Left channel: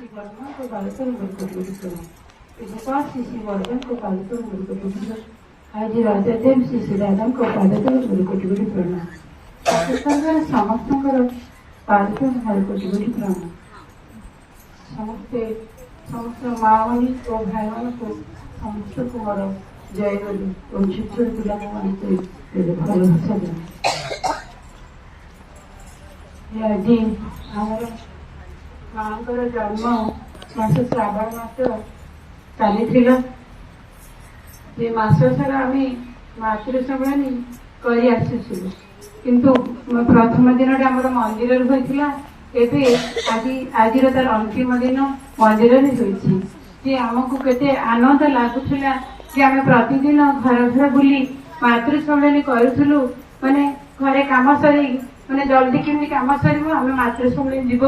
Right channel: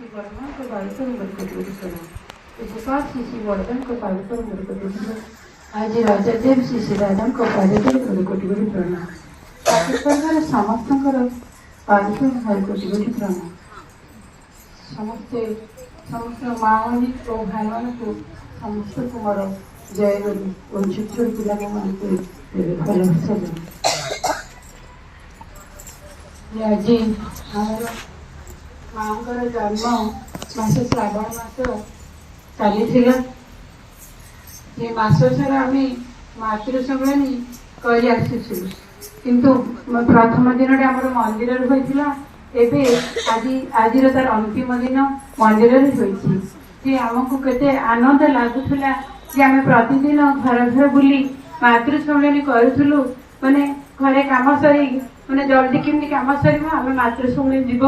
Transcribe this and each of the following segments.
श्री वर्मा को बालकर मुड़कोटी प्रणाम। विकास श्री वर्धन को बालकर मुड़कोटी आज राजादेव श्री राधा को बालकर मुड़कोटी प्रणाम। समस्त बालकर मुड़कोटी प्रणाम। समस्ते समस्त माओनी और भाई मान को समस्त को मोर जय बोली और छोट पिला भलसा आज आमर माँ जन्म मास श्रावण मास चली मास सारा आम मातृ सम्मिलनी कर किंतु प्रथम दिन आम मंदिर होता आज तार अंतिम दिन मंदिर होती आमको केते आनंद लगुला कि आम प्रतिदिन घर घर बुली मातृ सम्मिलनी करूँ माने घरे कम सर मैंने जल्दी केमती कम सर आम मातृ सम्मिलनी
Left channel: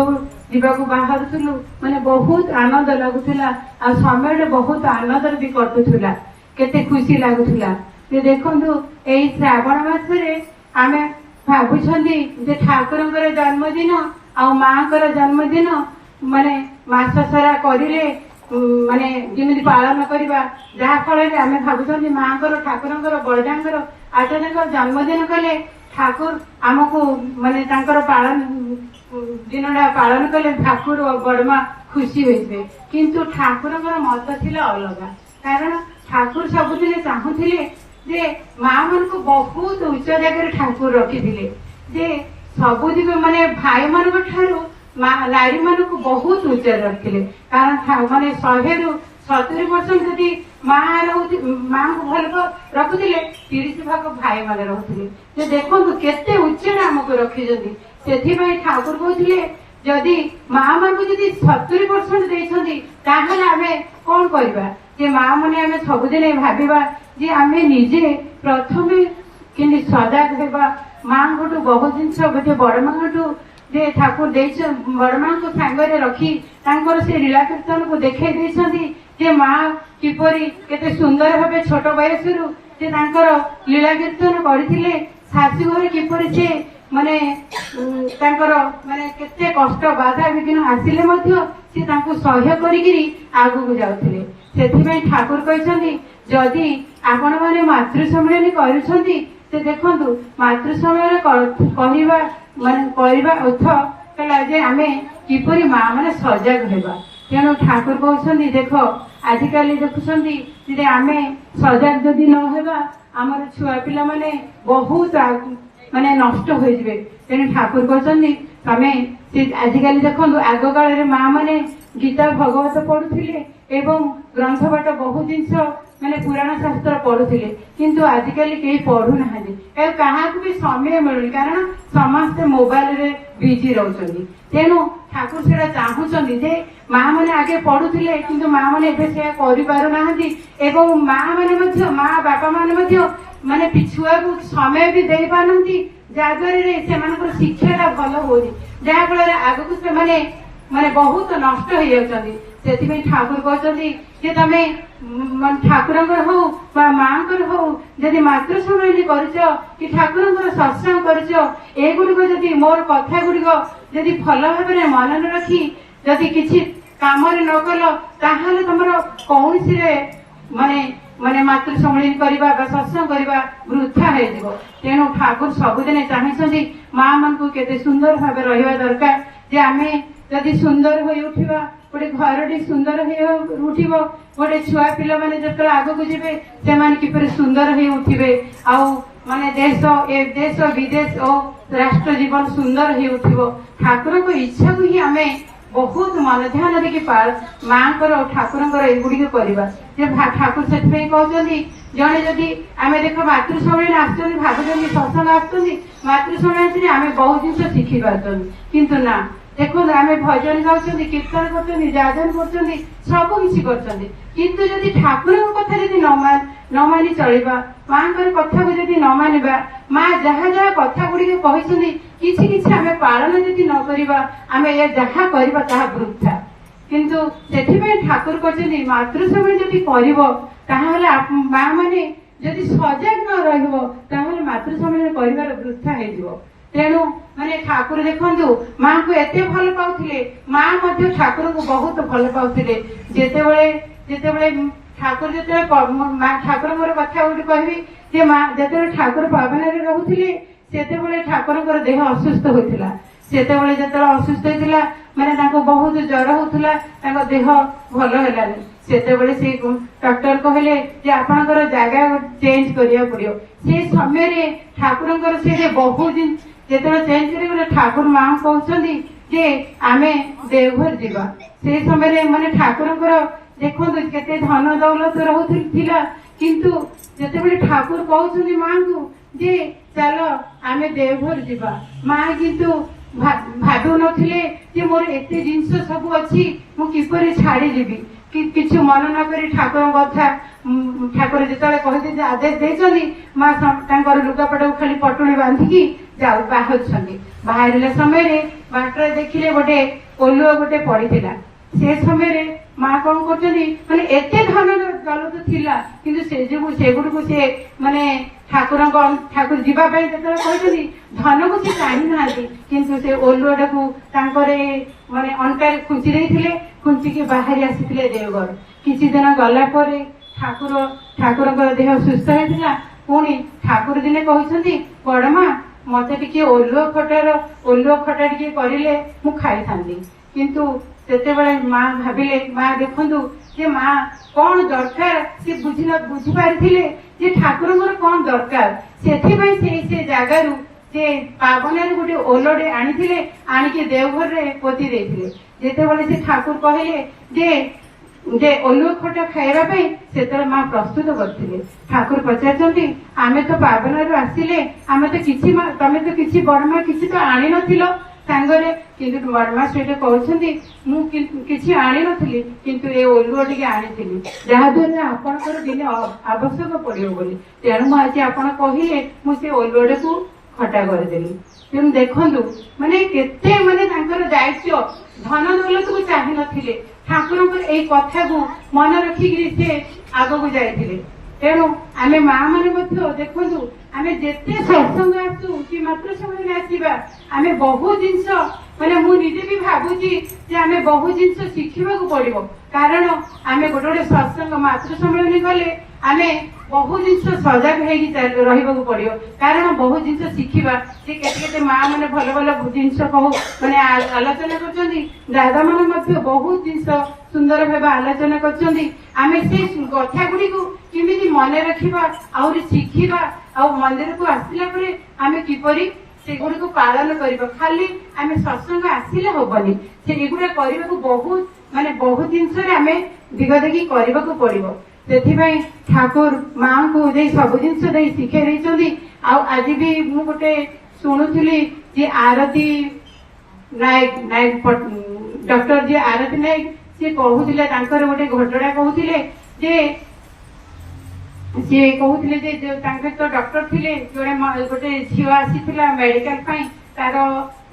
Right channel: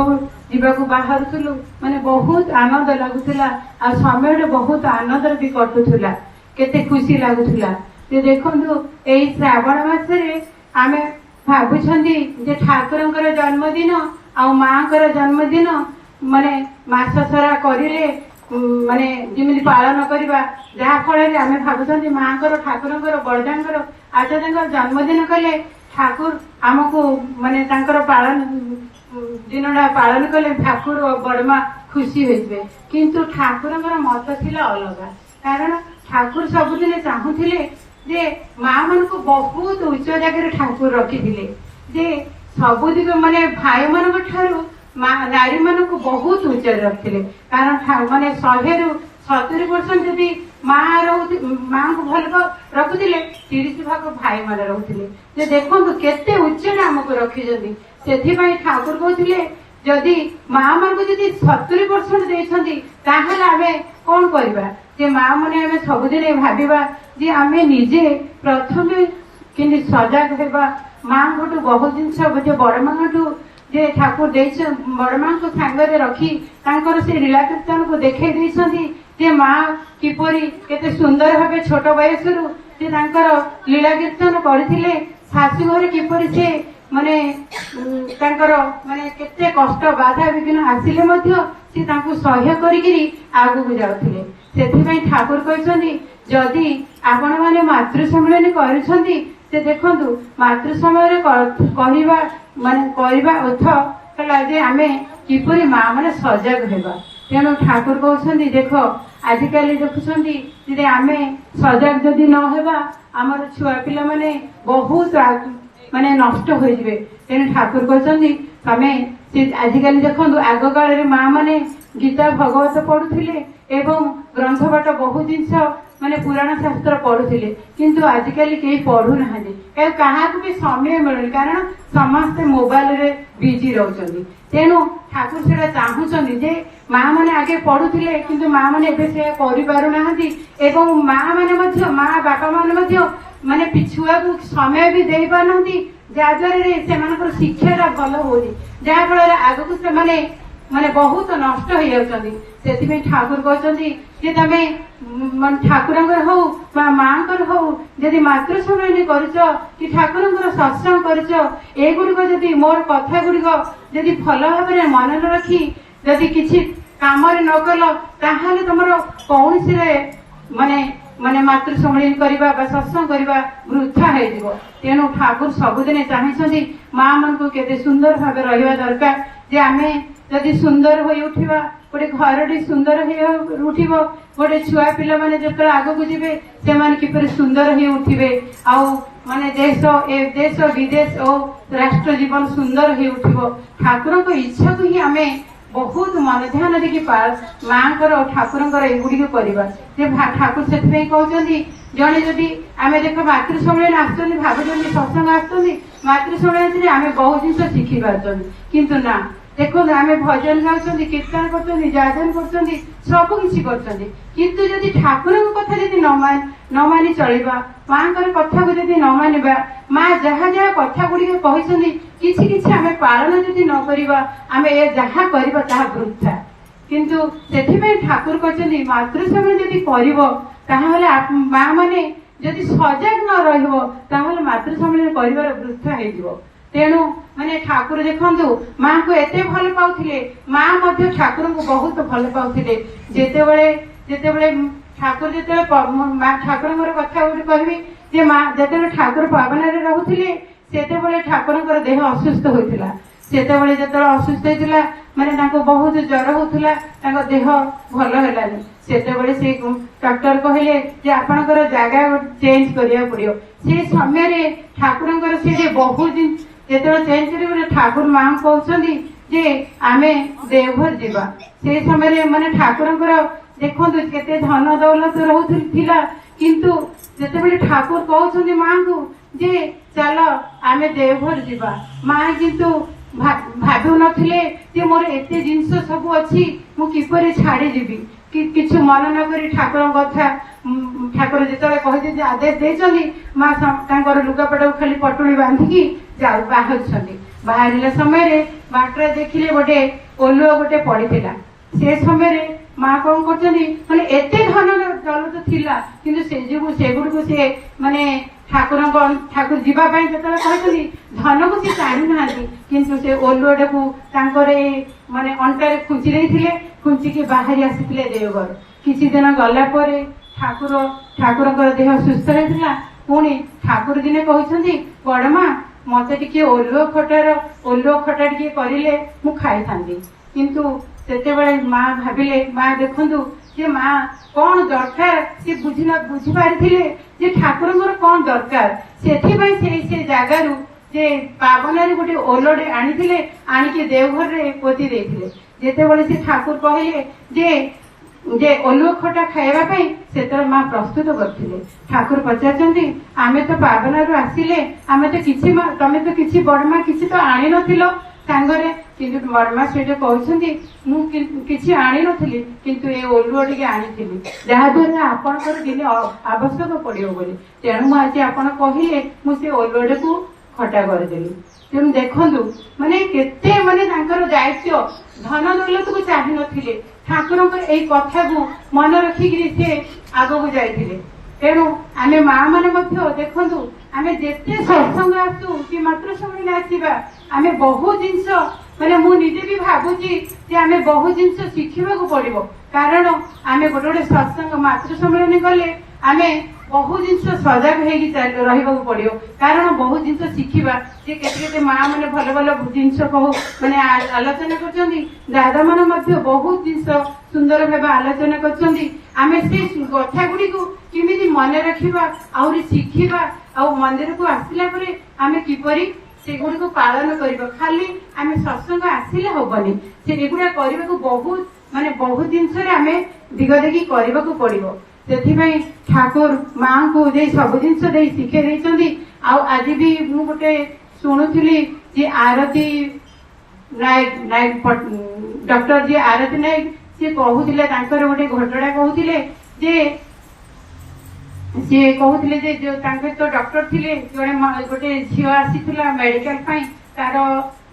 जीवाकू बाहर माने बहुत आनंद लगुला आ समय बहुत आनंद भी कटुला केते खुशी लगुला देखु यही श्रावण मासरे आम भावुं ठाकुर जन्मदिन आ माँ जन्मदिन माने मास सारा करे माने जमी पालन करवा जहाँ फल आम भावुं माँ ठाकुर बड़दार आचार्य जन्मदिन कले ठाकुर आमको माने पालन दिनटा पालन कले ठाकुर और बड़मा खुशी होते किंतु ठाकुर मत थिला अलग कारण ठाकुर सबुदिन चाहूले जे माँ मान को बहुत उच्च जगह ठाकुर रखी सबुदिन माने भाई मान नारी मान को बहुत उच्च रखते कारण माने 100-70% जदि माँ को भल रखुले 30 भाग भाई मान रोते देखो केते उच्च आमको रखी से ठाकुर कहते जदि माँ मान को 70% देते आम कौन करवा माँ मैंने आम सबुदिन भाविबा जे आम निजे प्रथम कि सजग होगा माँ गोटू बहुत जिनस गोटे बड़ माँ जे ठाकुर बड़ माँ को सांगे रखी से लीला कीर्तन को देखई जे माँ किपरि केते सुंदर भाव छोट बयस लीला कीर्तन करथिले शाशु घर किपरि से माने माने केते कष्ट बाधा विघ्न आसिले मध्य से सह्य करी आगू जाउथिले सेथिबे ठाकुर कहछन्ती जदि आपण माने मातृ सम्मिलनी करूछन्ती से देखंतु मातृ समय कहवा माने करवा अर्थ कला जे आमे किपरि माँ माने सजग हेबा तेणु ठाकुर कहछन्ती देख आजिकाली देखुछन्ती जे आमे सजग जदि न हेबा आमर छुआ पिला माने बहुत माने नष्ट हो जाए तेणु ठाकुर कहछन्ती तमे आजिकाली देखंतु आग काल माँ माने गीता भगवत पढ़ुथिले एवं ग्रंथ पाठ बहुत जिनस माने पुराण शास्त्र पढ़ुथिले किंतु आजिकाली केही पढ़ु नाहांती क्या भी समय मिलुनी कारण समस्ते मोबाइल रे बिजी रहउछन्ती तेणु ठाकुर से चाहूछन्ती जे माँ माने आगे पढ़ुथिले किंतु माँ माने एबे से करि पारु नाहांती एवं माँ माने मध्य माँ बापा माने मध्य माने पिछुआ को समय भी दे पारनती जहाँद्वारा से शिक्षा भल हो जहाँ फल आग को से माने बहुत नष्ट हो जाती से ठाकुर कहते तमे ठाकुर हो माँ हो जदि मातृ सम्मिलनी कि ठाकुर सत्संग कर मोर कथा गुड़िक जदि भल भाव मन न रखी जदि किसी काम न कल ताहले तुम कौन माने माने मातृ सम्मिलनी करवा सत्संग करवा वृथा हो तेणु ठाकुर सबुदिन चाहते माँ मान को केते सुंदर भाव रहा दरकार जे आमे जदि सुंदर हो उठिबा गोटे घर सुंदर हो उठिबो गोटे छुआ पिला माने जतले आगो को जिवे से माने किपर सुंदर हो उठिबे आउ माने देश विदेश और राष्ट्र जीवन सुंदर हो उठिबो ठाकुर को इच्छा को ही आमे बहुत मन ध्यान देखि माँ ठाकुर एगुड़ी करवा ठाकुर से कहते जड़े जदि आम देख मातृ सम्मिलन आसुच्च भावुं सत्संग आसुच्च मातृ सम्मिलन आम बहुत जिन शिखी पार्टी किंतु ना देखो आम भजन गाँव कीर्तन कर जाजन कर सब किसी किंतु जदि ठाकुर कथा जदि न मानि चलवा माँ कथा को जदि न मानिबा माँ जहाँ जहाँ कथा गुड़िक कहते किसी आम पालन जदि न करवा आम जहाँ करवा ताहा वृथा किंतु से ठाकुर कहते मातृ समय जदि कर माँ माने जदि सजग न रहिबो ताहले मातृ सम्मिलन करिवार वृथा हो तेणु ମାନେ ଠାକୁର ଦେଖନ୍ତୁ ମାଙ୍କୁ ଏତେ ଭଲ ପାଉଥିଲେ, ମା ମଧ୍ୟ ଠାକୁରଙ୍କୁ ବହୁତ ଭଲ ପାଉଥିଲେ। ଯେତେବେଳେ ଯେତେବେଳେ ଠାକୁର ଯେତେବେଳେ ଠାକୁରଙ୍କର କଥା ଗୋଟେ କହିବି ଯେ ମା ଯେତେବେଳେ ଠାକୁର ପାବନାରେ ରହୁଥିଲେ ସେତେବେଳେ ଠାକୁରଙ୍କର ଦେହ ଅସୁସ୍ଥ ହୋଇଥିଲା। ସେତେବେଳେ ଯେତେବେଳେ ଅସୁସ୍ଥ ହେଇଥିଲା ମାନେ ତାଙ୍କୁ ବହୁତ ଜ୍ୱର ହଉଥିଲା, ତାଙ୍କ ଦେହ ଭଲ ହେଲାନି। ସେତେବେଳେ ସେ ଡକ୍ଟର କହିଲେ ଯେ ଆପଣଙ୍କର ଜାଗା ଚେଞ୍ଜ କରିବାକୁ ପଡିବ। ସେ ସମୟରେ ଠାକୁରଙ୍କର ସେଠି ବହୁତ ଯେତେବେଳେ ଚେଞ୍ଜ କରିବେ ଠାକୁର ମାଙ୍କୁ କହୁଛନ୍ତି ଯେ ଆମେ ଦେଓଘର ଯିବା। ସେ ସମୟରେ ମାନେ ଠାକୁରଙ୍କର ଦେଖନ୍ତୁ କେତେ ଧନ ଦୌଲତ ରହୁଥିଲା, କିନ୍ତୁ ଯେତେବେଳେ ଠାକୁର କହୁଛନ୍ତି ମାଙ୍କୁ ଯେ ଚାଲ ଆମେ ଦେଓଘର ଯିବା, ମା କିନ୍ତୁ ଭାବୁନଥିଲେ ଯେ ମୋର ଏତେ ଜିନିଷ ସବୁ ଅଛି ମୁଁ କିପରି ଛାଡିଯିବି। କିଛି ମନ ନ କରି ଠାକୁରଙ୍କ କଥା ଠାକୁର ଯେତେବେଳେ କହିଲେ ଆଦେଶ ଦେଇଛନ୍ତି ମା ତାଙ୍କର ଲୁଗାପଟାକୁ ଖାଲି ପଟୁଳି ବାନ୍ଧିକି ବାହାରୁଛନ୍ତି। ବାହାରିଲା ସମୟରେ ବାଟରେ ଦେଖିଲେ ଗୋଟେ ଓଲୁଅ ଗୋଟେ ପଡିଥିଲା। ସେ ସମୟରେ ମା କଣ କରୁଛନ୍ତି ମାନେ ଏତେ ଧନ ଦୌଲତ ଥିଲା କିନ୍ତୁ ସେଗୁଡିକୁ ସେ ମାନେ ଠାକୁର ଯିବା ପାଇଁ ଯେତେବେଳେ କହିଛନ୍ତି ଧନକୁ ସେ ଟାଣି ନାହାନ୍ତି, କିନ୍ତୁ ସେ ଓଲୁଅଟାକୁ ତାଙ୍କର ମାନେ ଅଣ୍ଟାରେ ଖୁଞ୍ଚି ଦେଇଥିଲେ, ଖୁଞ୍ଚିକି ବାହାରି ଆସିଥିଲେ ଦେଓଘର। କିଛି ଦିନ ଗଲା ପରେ ଠାକୁରଙ୍କର ଦେହ ସୁସ୍ଥ ହେଇଥିଲା। ପୁଣି ଠାକୁର ଦିନେ କହିଛନ୍ତି ବଡମା ମତେ ଟିକେ ଓଲୁଅ ଖଟା ଟିକେ କରିଲେ ମୁଁ ଖାଇଥାନ୍ତି। କିନ୍ତୁ ସେତେବେଳେ ମା ଭାବିଲେ, ମା ଦେଖନ୍ତୁ ଯେ ମା କଣ ଦରକାର ସେ ବୁଝିପାରିଥିଲେ ଯେ ଠାକୁରଙ୍କର କଣ ଦରକାର। ସେଥିପାଇଁ ସେ ଜାଗାରୁ ସେ ପାବନାରେ ଗୋଟେ ଓଲଟେ ଆଣିଥିଲେ, ଆଣିକି ଦେଓଘରରେ ପୋତି ଦେଇଥିଲେ। ଯେତେବେଳେ ସେ ଠାକୁର କହିଲେ ଯେ ଓଲୁଅ ଖଟା ଖାଇବା ପାଇଁ ସେତେବେଳେ ମା ପ୍ରସ୍ତୁତ କରିଥିଲେ। ଠାକୁର ପଚାରୁଛନ୍ତି ଆମେ ତ ପାବନାରୁ ଆସିଲେ, ଆମେ ତ ତମେ ତ କିଛି ବଡମା କିଛି ତ ଆଣିନଥିଲ ସାଙ୍ଗରେ, କିନ୍ତୁ ବଡମା ସେଇଟା କହୁଛନ୍ତି ମୁଁ କିଛି ଆଣିନଥିଲି, କିନ୍ତୁ ଏ ଓଲୁଅ ଟିକେ ଆଣିଥିଲି ଯାହାଦ୍ୱାରା ଆପଣଙ୍କର ଦିନେ ଆବଶ୍ୟକ ପଡିବ ବୋଲି। ତେଣୁ ମୁଁ ଆଜି ଆପଣ କହିଲେ ମୁଁ ସେ ଓଲୁଅଟାକୁ ଖଟା କରିଦେଲି। ତେଣୁ ଦେଖନ୍ତୁ ମାନେ କେତେ ମାନେ ତାଙ୍କର ଦାୟିତ୍ୱ, ଧନ ଦୌଲତକୁ ଚାହିଁ ନଥିଲେ, ଠାକୁରଙ୍କର ଏଇ କଥାକୁ ମନେ ରଖିକିରି ସେ ଆଗକୁ ଯାଇଥିଲେ। ତେଣୁ ଆମେ ମା ମାନେ ମଧ୍ୟ ଦେଖନ୍ତୁ ଆମେ ଯେତେ ସତ୍ସଙ୍ଗ ଆସୁ କି ମାତୃ ସମ୍ମିଳନୀ ଆସିବା ଆମେ ବହୁ ଜିନିଷ ମାନେ ମୁଁ ନିଜେ ବି ଭାବୁଛି ଯେ ଆମେ ବହୁ ଜିନିଷ ଶିଖିବାକୁ ପଡିବ। କାରଣ ଆମେ ଗୋଟେ ସତ୍ସଙ୍ଗ ମାତୃ ସମ୍ମିଳନୀ ଗଲେ ଆମେ ବହୁ ଜିନିଷ ସଜାଗ ହେଇକି ରହିବାକୁ ପଡିବ। କାରଣ ବହୁ ଜିନିଷ ଶିଖିବା ଯେ କେତେ ମା ମାନେ ଭଲ ଭଲ ଜିନିଷ ମାନେ ଆଲୋଚନା କରୁଛନ୍ତି, ଦାଦା ମାନେ ମଧ୍ୟ ବହୁତ ଜିନିଷ ସୁନ୍ଦର ଭାବେ ଆଲୋଚନା କରୁଛନ୍ତି। ଆମେ ସେଇ କଥା ଗୁଡିକୁ କେମିତି ମନେ ରଖିବା, ଆହୁରି ଶିଖିବା, ଆଉ ମନ୍ଦିରକୁ ଆସିଲା ପରେ ଆମେ କିପରି ସେଗୁଡିକୁ ପାଳନ କରିବା। ଖାଲି ଆମେ ସତ୍ସଙ୍ଗ ଆସିଲେ ହବନି, ସେ ଏଗୁଡା କରିବାକୁ ବହୁତ ଜିନିଷରେ ଆମେ ଦିଗ ଦେଖି କରିବାକୁ ପଡିବ। ସେଥିପାଇଁ ଠାକୁର ମାଙ୍କୁ ଦେଇ ସବୁ ଜିନିଷ ଦେଇ ଶିଖେଇ ଦେଇଛନ୍ତି। ଆଉ ଆଜି ବି ମୁଁ ଗୋଟେ ଶୁଣୁଥିଲି ଯେ ଆରତୀ ନାୟକ ଡକ୍ଟର ଯିଏ ଆରତୀ ନାୟକ ସିଏ କହୁଥିଲେ, ତାଙ୍କର ଗୋଟେ ଘଟଣା କହୁଥିଲେ ଯେ ତାଙ୍କର ତ ଡକ୍ଟର ଥିଲେ, ଗୋଟେ ଝିଅ ଆସିଥିଲା ମେଡିକାଲ ପାଇଁ, ତାର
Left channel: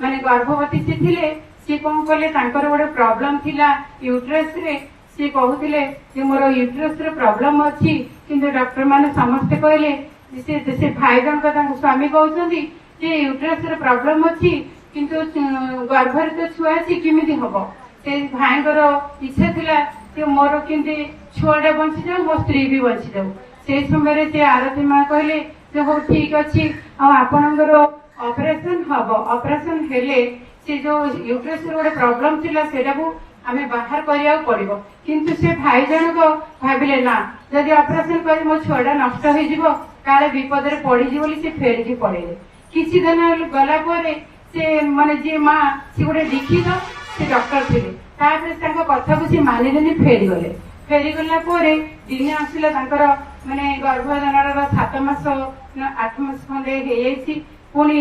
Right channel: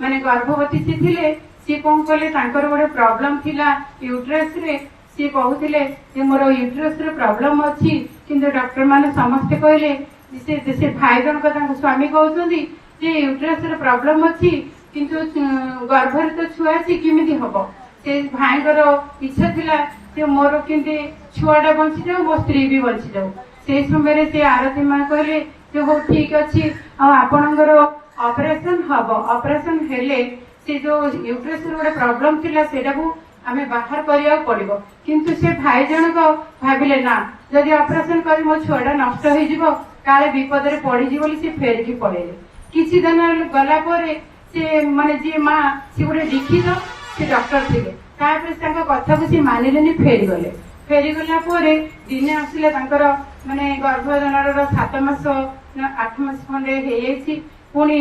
ମାନେ ଗର୍ଭବତୀ ସେ ଥିଲେ। ସିଏ କଣ କଲେ ତାଙ୍କର ଗୋଟେ ପ୍ରୋବ୍ଲେମ ଥିଲା ୟୁଟ୍ରସ ରେ। ସିଏ କହୁଥିଲେ ଯେ ମୋର ୟୁଟ୍ରସ ରେ ପ୍ରୋବ୍ଲେମ ଅଛି, କିନ୍ତୁ ଡକ୍ଟର ମାନେ ସମସ୍ତେ କହିଲେ ସେ ଭାଇ ଜଣକ ତାଙ୍କ ସ୍ୱାମୀ କହୁଛନ୍ତି ଯେ ୟୁଟ୍ରସ ରେ ପ୍ରୋବ୍ଲେମ ଅଛି, କିନ୍ତୁ ଗର୍ଭରେ ତ ଛୁଆ ଅଛି କେମିତି ହବ। ସେ ଭାଇଙ୍କର ଇଚ୍ଛା ଥିଲା ଯେ ମୋର କେମିତି ଛୁଆଟା ବଞ୍ଚିଯାଉ, ମୋ ସ୍ତ୍ରୀ ବି ବଞ୍ଚିଯାଉ। ସେଇ ସମୟରେ ସେ ଆରତୀ ମା କହିଲେ ଯେ ହଉ ଠିକ ଅଛି, ଆଉ ଆପଣଙ୍କର ଅପରେସନ ହବ। ଅପରେସନ ହେଲେ ସେ ଯୋଉ ୟୁଟ୍ରସ ର ଗୋଟେ ପ୍ରୋବ୍ଲେମ ଥିଲା ସେଟାକୁ ଆମେ ବାହାର କରିବାକୁ ପଡିବ। କିନ୍ତୁ ସେ ଭାଇ ଜଣକ ଭାବିଲେ ନା, ଯଦି ଅପରେସନ କରି ମୋ ଛୁଆଟା ନଷ୍ଟ ହେଇଯିବ, କାଳେ ବିପଦରେ ପଡିଯିବ ବୋଲି ସେ ଫେରିକି ପଳେଇଲେ। କିଛି ଦିନ ଗଲା ପରେ ସେ ମାନେ ଯିଏ ମା ସେ ଗୋଟେ ଦୀକ୍ଷିତ ସେ ଡକ୍ଟର ଥିଲେ, ତାପରେ ତାଙ୍କ କଥାକୁ ସେ ମାନିଲେନି, ଫେରିଗଲେ। ଫେରିଗଲା ପରେ ଦିନେ ଆସିଲେ ତାଙ୍କର ମାନେ ଗର୍ଭଧାରଣର 7 ମାସ 8 ମାସ ଖଣ୍ଡେ ହେଇଯାଇଛି, ପୁଣି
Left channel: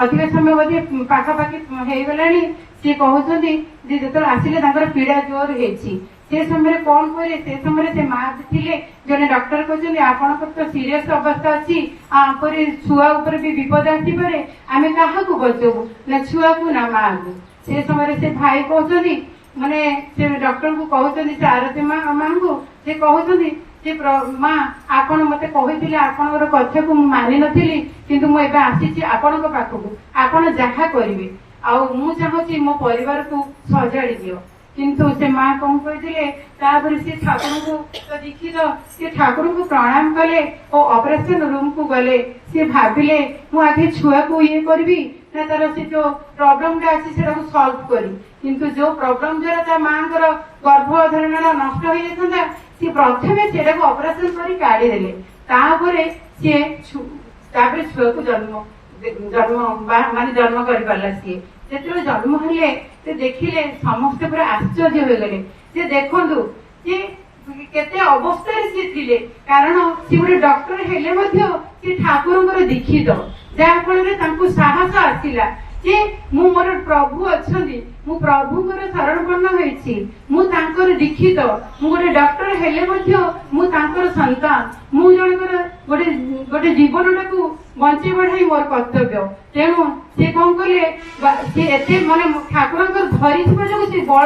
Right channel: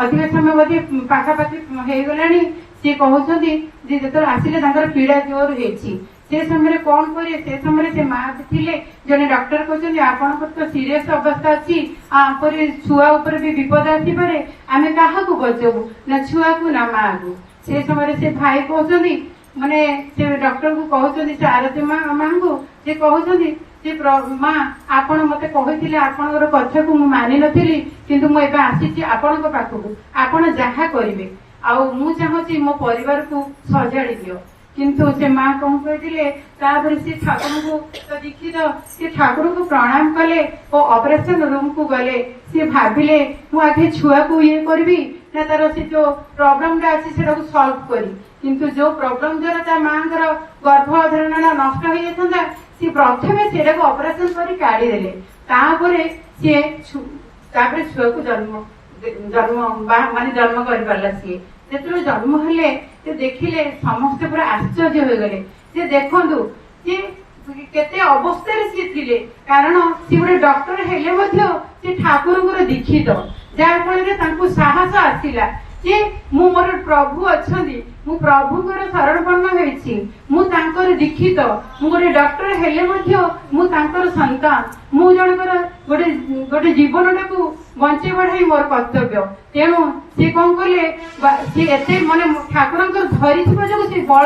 ଅଧିକ ସମୟ ବୋଧେ ପାଖାପାଖି ହେଇଗଲାଣି। ସିଏ କହୁଛନ୍ତି ଯେ ଯେତେବେଳେ ଆସିଲେ ତାଙ୍କର ପୀଡା ଜୋର ହେଇଛି। ସେ ସମୟରେ କଣ କରିବେ, ସେ ସମୟରେ ସେ ମା ଥିଲେ, ଜଣେ ଡକ୍ଟର କହୁଛନ୍ତି ଆପଣଙ୍କର ତ ସିରିୟସ ଅବସ୍ଥା ଅଛି, ଆପରେ ଛୁଆ ଉପରେ ବି ବିପଦ ଆସିପାରେ, ଆମେ କାହାକୁ ବଚାବୁ, ନା ଛୁଆକୁ ନା ମାକୁ। ସେ ସମୟରେ ସେ ଭାଇ କହୁଛନ୍ତି ମାନେ ସେ ଡକ୍ଟରଙ୍କୁ କହୁଛନ୍ତି, ସେ ଆରତୀ ମାଙ୍କୁ ଯେ କହୁଛନ୍ତି ଯେ ମା ଆପଣ ମତେ କହିଥିଲେ ଆପଣଙ୍କର କଥାକୁ ମୁଁ ମାନି ନଥିଲି କିନ୍ତୁ ମୁଁ ଏବେ ଆସିଛି ଆପଣଙ୍କ ପାଖକୁ ଆପଣ ଯାହା କରିବେ ଆଉ ମୁଁ ଚାହୁଁଛି ମୋ ପରିବାରକୁ ସଜାଡି ଦିଅ। କିନ୍ତୁ ସେ ମା କଣ କହିଥିଲେ ତାପରେ ସେ ଠାକୁରଙ୍କୁ ଦୀକ୍ଷିତ ସେ ଠାକୁରଙ୍କୁ ପ୍ରଣାମ କଲେ ଓ ଅପରେସନ ରୁମ କୁ ଗଲେ। ସେ ଭାବିଲେ ମୁଁ ଆଗେ ଛୁଆକୁ ଇଏ କରିବି ନା ତାର ସେ ଯୋଉ ପ୍ରୋବ୍ଲେମ ଟା ଅଛି ସେଟାକୁ ସଲ୍ଭ କରି, କିନ୍ତୁ ଯୋଉ ପ୍ରୋବ୍ଲେମ ଦ୍ୱାରା ତା ମାଙ୍କର ଗର୍ଭଧାରଣ ନଷ୍ଟ ହେଇଯାଇଥାନ୍ତା ସେ ପ୍ରଥମେ ସେଟାକୁ ଅପରେସନ କରି କାଢିଦେଲେ। ତାପରେ ସିଏ ତାପରେ ଛୁଆକୁ ଜନ୍ମ କରିପାରିଲା। ସିଏ ଯେତେବେଳେ ଜନ୍ମ ହେଲେ ସେ ଦେଖିଲେ ସମସ୍ତେ ପୁରା ଆଶ୍ଚର୍ଯ୍ୟ ହୋଇଗଲେ ଯେ ଦେଖନ୍ତୁ ଯେ କେତେ ଅବସ୍ଥାରେ ସିଏ ଥିଲେ, କାରଣ ସିଏ ଗୋଟେ ଡକ୍ଟର ହେଲେ ମଧ୍ୟ ସେ ଠାକୁରଙ୍କର ଦୀକ୍ଷିତ, ଯାହା ଫଳରେ ତାଙ୍କୁ ସାହସ ଆସିଲା ଯେ ମୁଁ ମୋର ପ୍ରଭୁ ଅଛନ୍ତି, ମୁଁ ପ୍ରଭୁଙ୍କର ଶରଣପନ୍ନ ହେଇଛି, ମୁଁ ତାଙ୍କର ଦୀକ୍ଷିତ, ମୁଁ ଗୋଟେ ଡକ୍ଟର ହେଲେ ମଧ୍ୟ ମୁଁ ତାଙ୍କର ସନ୍ତାନ, ମୁଁ ଜଣଙ୍କର ଗୋଟେ ଜୀବନଟାକୁ ବଞ୍ଚେଇ ବଢାଇ ମୋର କର୍ତ୍ତବ୍ୟ। ତେଣୁ ସେ କଣ କଲେ ସେ ଏତେ ମାନେ ଠାକୁରଙ୍କର ଧରିଥିବା ଯୋଗୁଁ ସେ ବଳ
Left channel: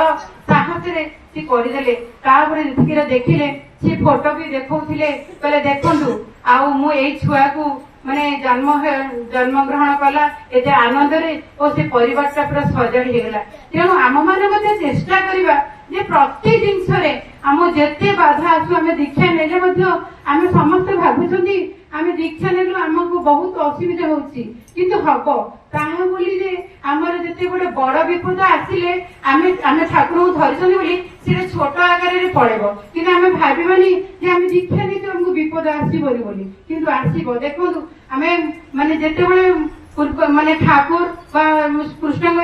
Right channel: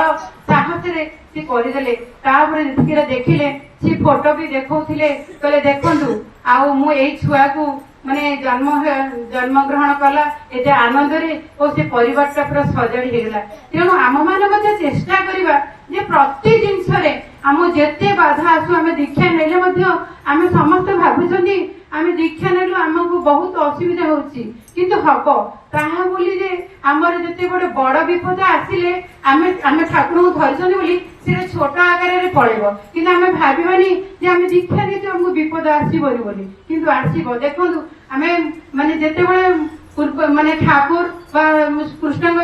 ସାହସରେ ସେ କରିଦେଲେ। ତାପରେ ଯେତିକି ଦେଖିଲେ ସେ ଫଟୋ ବି ଦେଖଉଥିଲେ, କହିଲେ ଦେଖନ୍ତୁ ଆଉ ମୁଁ ଏଇ ଛୁଆକୁ ମାନେ ଜନ୍ମ ଗ୍ରହଣ କଲା ଏତେ ଆନନ୍ଦରେ ଓ ସେ ପରିବାରଟା ପୁରା ସଜାଡି ହେଇଗଲା। ତେଣୁ ଆମ ମାନେ ମଧ୍ୟ ଚେଷ୍ଟା କରିବା ଯେ ପ୍ରତି ଜିନିଷରେ ଆମ ଯେତେ ବାଧା ଆସୁ ଆମେ ଦୀକ୍ଷା ନେଲେ ମଧ୍ୟ ଆମେ ସମସ୍ତେ ଭାବୁଛନ୍ତି ଆମେ ଦୀକ୍ଷା ନେଲୁ ଆମକୁ ବହୁତ ଅସୁବିଧା ହଉଛି, କିନ୍ତୁ ହବ ତାହା ବୋଲି ଯେ ଆମର ଯେତେ ଗୋଟେ ବଡ ବିପଦ ଆସିଲେ ଆମେ ଠାକୁରଙ୍କୁ ଧରିଛନ୍ତି ବୋଲି ସେଟା ଛୋଟ ଆକାରରେ ପଳେଇବ, କିନ୍ତୁ ଆମେ ଭାବିବାନି ଯେ ଆମେ ଦୀକ୍ଷା ନେଇଛୁ ଆମକୁ ବିପଦ ଆସିବନି ବୋଲି, କିନ୍ତୁ ଆସିବ। ଦେଖନ୍ତୁ ଆମେ ମାନେ ଯେତେବେଳେ ମାନେ ଠାକୁର ବା କୃଷ୍ଣଙ୍କ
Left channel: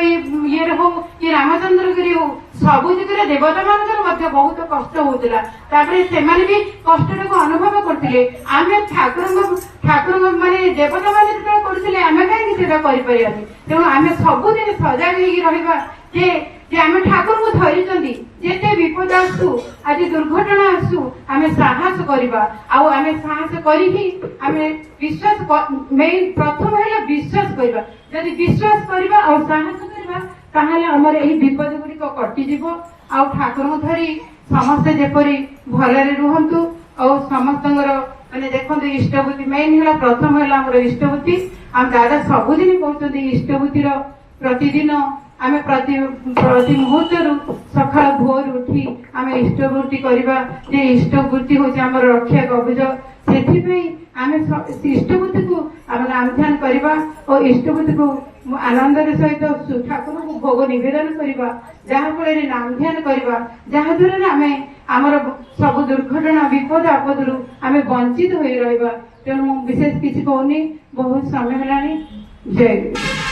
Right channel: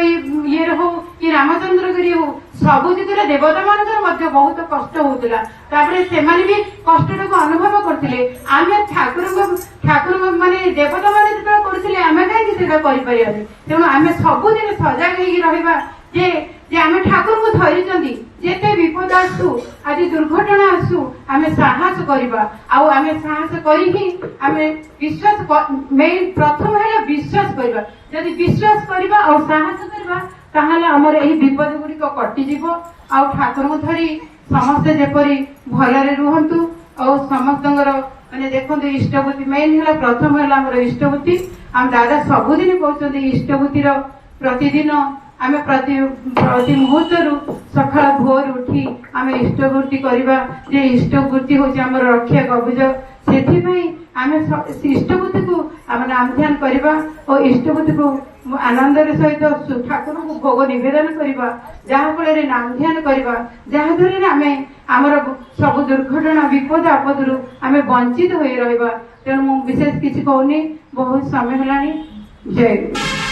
ଇଏରେ ହଉ କି ରାମଚନ୍ଦ୍ରଗିରି ହଉ ସବୁ ଦିଗରେ ଦେବତା ମାନଙ୍କର ମଧ୍ୟ ବହୁତ କଷ୍ଟ ହଉଥିଲା। ତାପରେ ସେମାନେ ବି କଷ୍ଟଟାକୁ ଅନୁଭବ କରୁଥିଲେ। ଆମେ ଠାକୁରଙ୍କ ମାନେ ଦେବତା ମାନେ ଯେତେବେଳେ କରୁଥିଲେ ଆମେ କାହିଁକି ସେଟା କରିପାରିବାନି? ତେଣୁ ଆମେ ସବୁଦିନ ସଜାଗ ହେଇକି ରହିବା ଯେ ଆମେ ଠାକୁରଙ୍କୁ ଧରିଛନ୍ତି, ଯେତେ ବିପଦ ଆସୁ ଆଜି ଦୁର୍ଘଟଣା ଆସୁ ଆମେ ସାହସ କରିବା। ଆଉ ଆମେ ସାହସ କରିକି ଆମେ ବିଶ୍ୱାସ ମେନ୍ ପ୍ରଥମ ହେଲା ବିଶ୍ୱାସ କରିବା। ଯଦି ବିଶ୍ୱାସ କରିବା ଆଉ ସାହସ କରିବା ତାହେଲେ ଆମର ଏହି ବିପଦ ଗୁଡିକ କଟିଯିବ। ଆଉ ଠାକୁରଙ୍କୁ ଧରି ସମସ୍ତେ ଯେପରି ଭଲରେ ରୁହନ୍ତୁ। ଆଉ ସମସ୍ତଙ୍କର ମାନେ ଦେଖନ୍ତୁ ଇଷ୍ଟବୃତ୍ତି ମେନ୍ ହେଲା ପ୍ରଥମ ହେଲା ଆମର ଇଷ୍ଟବୃତ୍ତି। ଆମ ଦାଦା ସବୁଦିନ କହୁଛନ୍ତି ଇଷ୍ଟବୃତ୍ତିର ପ୍ରତିଦିନ ଆମେ ପ୍ରତି ମୁହୂର୍ତ୍ତରୁ ସକାଳ ଭୋର ଉଠି ଆମେ ଇଷ୍ଟବୃତ୍ତି କରିବା ଯେ ଇଷ୍ଟବୃତ୍ତି ହଉଛି ଆମର ରକ୍ଷା କବଚ। ସେଥିପାଇଁ ଆମେ ଇଷ୍ଟବୃତ୍ତିକୁ ଆମେ ନାମ ଧ୍ୟାନ କରିବା ଓ ଇଷ୍ଟବୃତ୍ତିକୁ ଆନନ୍ଦର ସହିତ ଠାକୁରଙ୍କୁ ଭୋଗ ନିବେଦନ କରିବା, ଯାହା ଫଳରେ ନାମ ଧ୍ୟାନ କରିବା, ଯାହା ଦ୍ୱାରା ଆମେ ଆମର ସବୁ ଦୁର୍ଘଟଣା ବିପଦ ଆପଦରୁ ଆମେ ବଞ୍ଚିତ ହୋଇ ରହିବା। ତେଣୁ ମୁଁ ବିଶେଷ କିଛି କହୁନି, ବହୁତ ସମୟ ହେଲାଣି। ଜୟ ଗୁରୁ।